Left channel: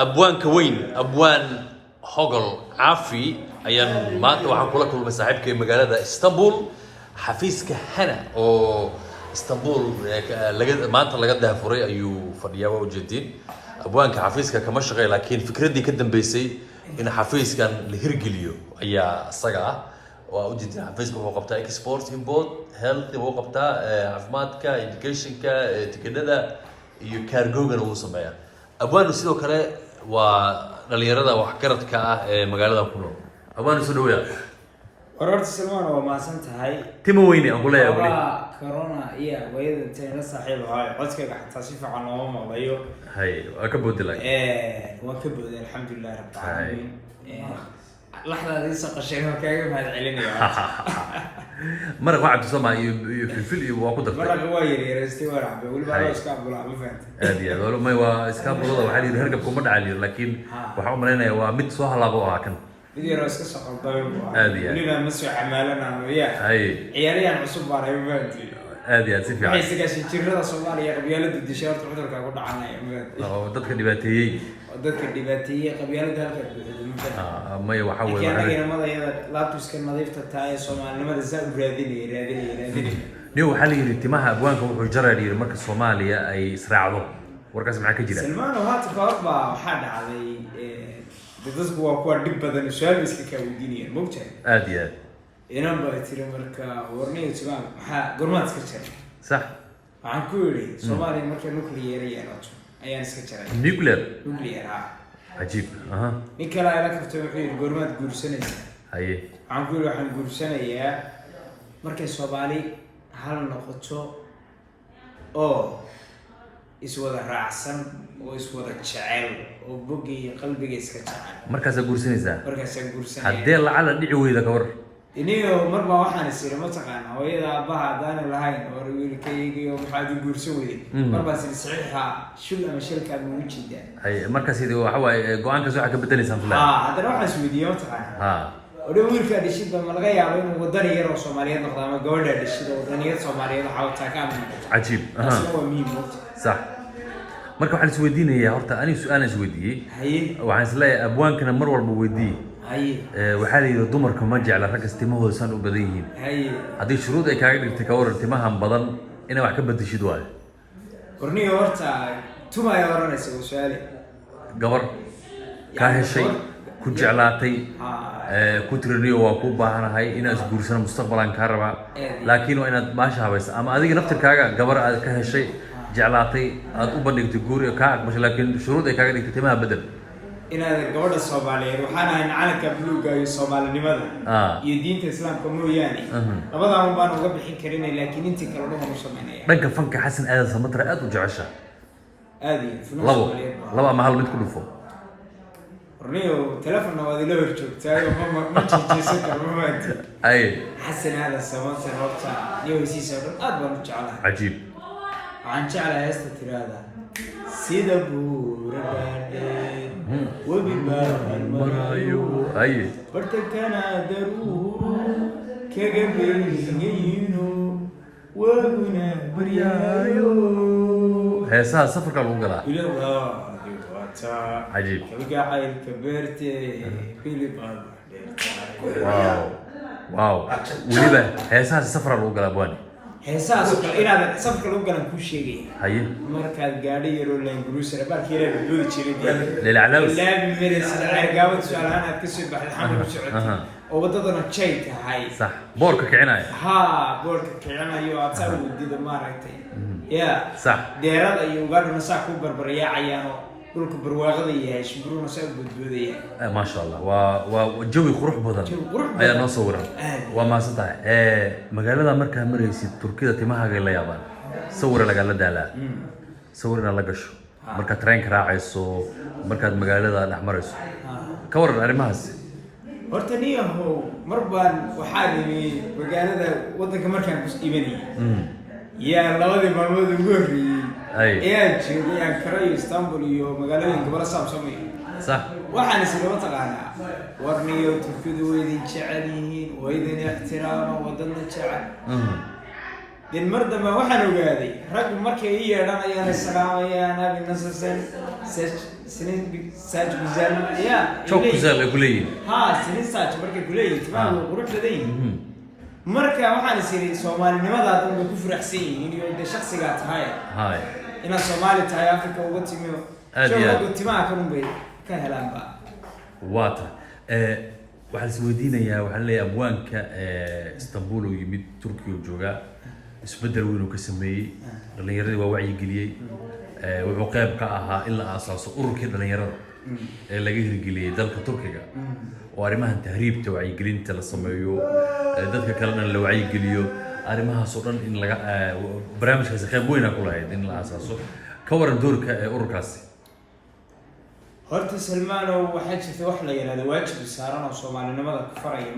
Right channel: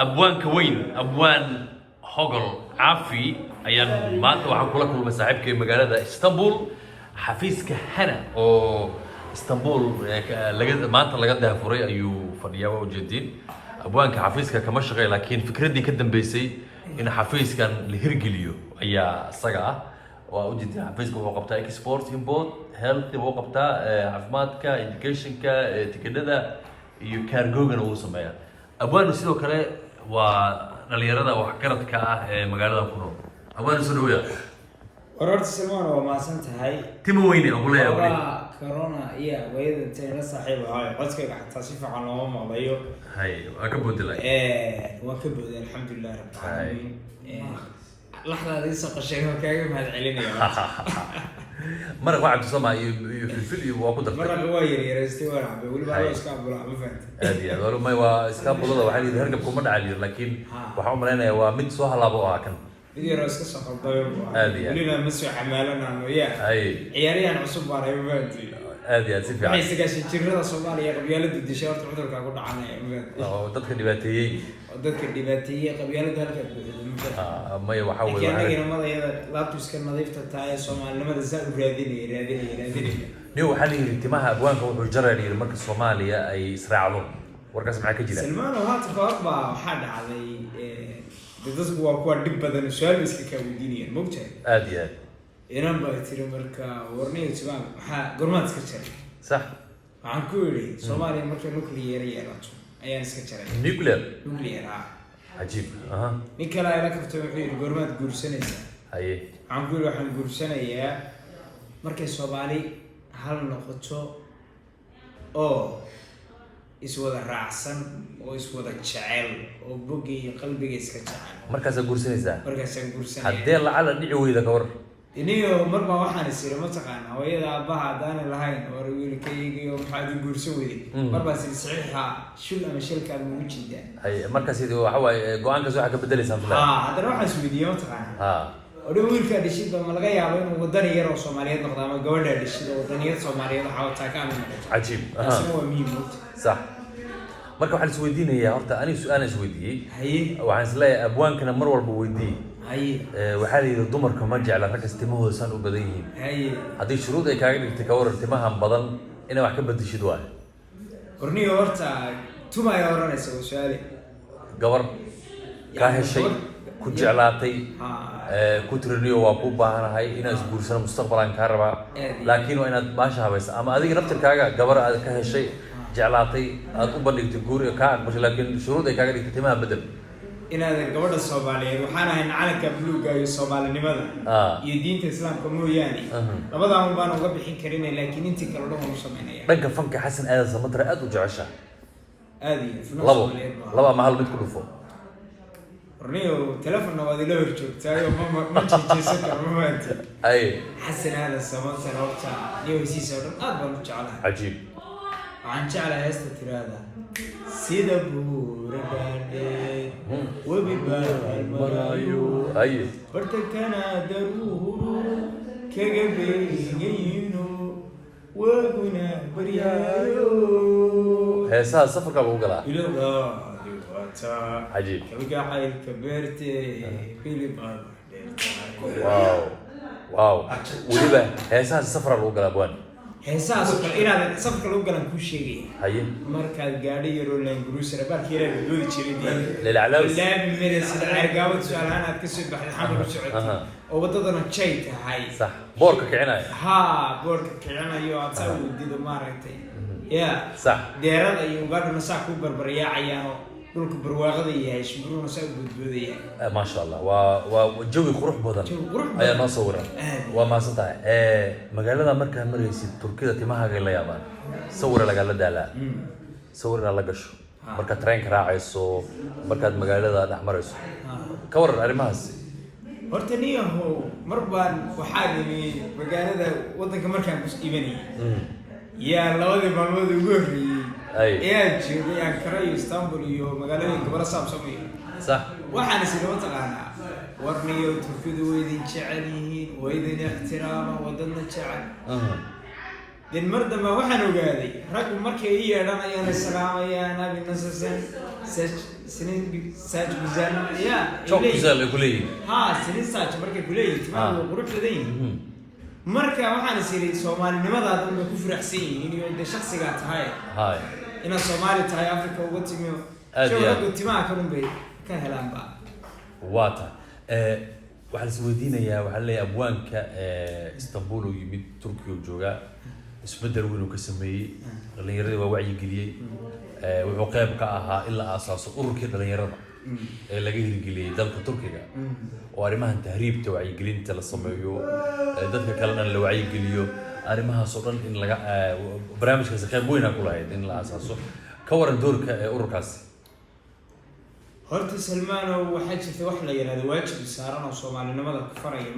أبوان كوين أبوان هوغل عافي أيام ما أنت وحن كل مساحبك مقالة اسطنبول حفيزك هنا أو اسطنبول لقد ما أنت لقدها فريق أيو فريقة وجدين أبوانك حفيزك كمشغل لكن فكرتي كدم بيسي إن حفيز كان الهرجليو أي الصقعة وأوجد حفيزك وقبتها إكسبورت إمبورت هيلث وقبتها عفماتك إديوكيشنك تكددا يكارجوجن وسمايا أبوان نسيلو كله ونليردا وحكرتك مقالة كله أبوان نسيلو ويا وررت سلمان وما سنت هاي تمويني أقول لك كورونا إيه ويد تين صاحب هاي قصك حتى صفة عن يوم الله هاي أكبر دلائل وكبر الحمد لله رب العالمين لحظة دي سق الشيء كيف هذا علينا يا مرة واحد تسمع في وأقول مرة قوير يرستي ورا بقول بقى إسكاب ولا ما فهمت هذه هذا ما هو إسكاب ولا واحد يهرب كم عليه لكن وحوم لنا هو مد سوها لابوها كان بدي راسك سقط طيب لنا مسوي حمالنا وياه عياريان عصب على يومتي هذه سيفي waxay sagaashan jirada Soomaaliya qabyaalada dishaarta cudurka ku dhacanay dadka dhibaateeyay qabyaalada halka buuxda may waxa weeye keenayna madayada laabtuska nadiifta tahay Soomaalinimada zaad u raadinay niyo waxa la yiri timaha abwaanka wuxuu jaradiyay marka Soomaaliya ay israacdo warkaas maxaa ka jira Salmaan waxa tafarba waxa dhacday dadku waa kuwa dib badan su'aal iska ka weydiinayeen moogtahay aad iyo aad inaan baa tiri marka warniyo timaha maxaa gormaad iska jaray صح waxaan ku yiri Soomaaliya marka nuclear yeelato ayaan iska jaray nuclear عجيب ninka la ila kafto wuxuu yiri gormaad guursanaysa haye waxaan ku yiri waxaan guursanayaa markay Soomaali hal noqoto oo iswada raacsan oo iswada jecel oo bogiga qalbiga iska jecel markaas guursanaysa guursanaya hadee lacala dhici weyda ka war iniyo marba waxaan isir ma taqaan hooyada abaha hadaan lahayn oo wiilkaygiyo maxaad guursan weyday marba si saxiixa shul ama shilka ma wujida ay markaas idii waxa way go'aanka soo xaka bedelaysan hadana waxaan isweydiiyay ma taqaan oo wiilka dhishida ma laga yaabo inuu wadan yar oo Soomaaliyeed noqdo ama gabadha dhishida wadaniyad Soomaaliyeed waxa taa ka mid عجيب waa muhiim صح marka waxaan isweydiinayaa horta ani su'aal isweydiiyay waxaan isleeyahay abwaankana mar walba weydiiyay waxaa la yiri dumarka ma jecla rag istimahooda san u badan yihiin haddii shuruud ay kaaga dhigtay ka waran timahan badan inay wax ka bedeshid waayo warniyo horta tuma ay oranaysa su'aali gabar ka heshay ku jeclaatay ku tiriniyo waa ku baahanahay inaad isguursano mustaqbalan ka rabaa laakiin waa inaad maasha habaysa ama adiga naftirkaaga gabar aad ka heshay jeclaatay aad u bandhigtay guur ka aqbashay laakiin shuruud ay kaaga dhigtay timaha bedel inaad gabadha Soomaaliyeed waxaan ahay calanka buluuga iyo Soomaalinimada iyo diinta Islaamka mooyaane labadaan baan uga bixin karin laakiin intii kale dhuma sameynaya dhanka fanka Xasan Aadan Samatra aad u jecesha aadi laba mahal mid ku dhufo warniyo telefoonna waad ila hor joogtay ma jijeysan karo ma maanta ay Xasan Aadan Samatra horta iyo hesiisa aad baan u jeclahay عجيب waxaan jeclahay heesta tirada sida buuragaadhe wabi baan marayo ay bartakana daruuru kaga beeyayno waguna baryayo heesaha safarka lagu galaa ilaa wata عجيب kaga caylka beerte filibaan واو waliba heesaha safar lagu galaa baan heesaas kale inaad safka lagu galan ku sheegay haye markaad gaadhi yar oo laan guruusara barkii yar oo doodi jiray lilaclaws laabi meres argaawad su'aalahan aad ka soo baxday xamar u socotay oo wadadana jay tahay صح boorka kicinay boorka kicinayo aad saa wadido maaragtay ya صح deerada iyo gaadhuna saa ku barbaryaacayaan dhulka barwaaqada yahay shimbruna saa budbudaya ما شاء الله وجوي قروح بدن ayaa noo sawiran waa maasantahay magaalada markaa maraysid Turkida timaha la yaabaan sawir laga la daalaa sawirna la gasho marka train raacayso markaad magaalada dhex marayso ka waran arimahaas horta niyaho marbaan waxaa nimi magaalada wadanka markaan ku iibanay yaa labadii maalmood ugu horreeyay joogay Ankara iyo Istanbul iyo magaalooyin gobolka Samsamiya صح waxaan isla taqaanaa warniyo Turkidu weydin jecel yihiin weydin ixtiraama wadana jecel din mardama waxaan ogaaday rag markay yeedhanayaan salaamayaan abi nasasan سنين ساج بزال يا شوف بزال قليل ها سنين ساج مركي قليل تمام وقروح لدين مركا waxaan isiri Soomaalinimada dad ku faraxsan yihiin iyo de shakhsigaad tahay ina Soomaali tahay Afrika uga timiyo shaqo timaa ka runbay ka helaan ba waata waxaan soo wadiinayaa waxaan leeyahay abwaanka Istanbul oo yimid Turkiga jooga isbedel weyn oo ka sameeyay dhalinyarada waa wacyi geliyay wuxuu qayb ka ahaa in la aasaaso ururkii dhalinyarada ee laga hirgeliyay dalka Turkiga oo arrimahan tahriibta wacyi gelinta la sameeyo dadka kalena la wacyi geliyo arrimahaas oo dhan in laga barnaamijkaas qayb weyn ku lahayd in la aasaaso ka waran doorka ururkaasi horta Salmaano waxaa jirta wax la yiraahdo waajib saaran oo Soomaalinimada ka faraya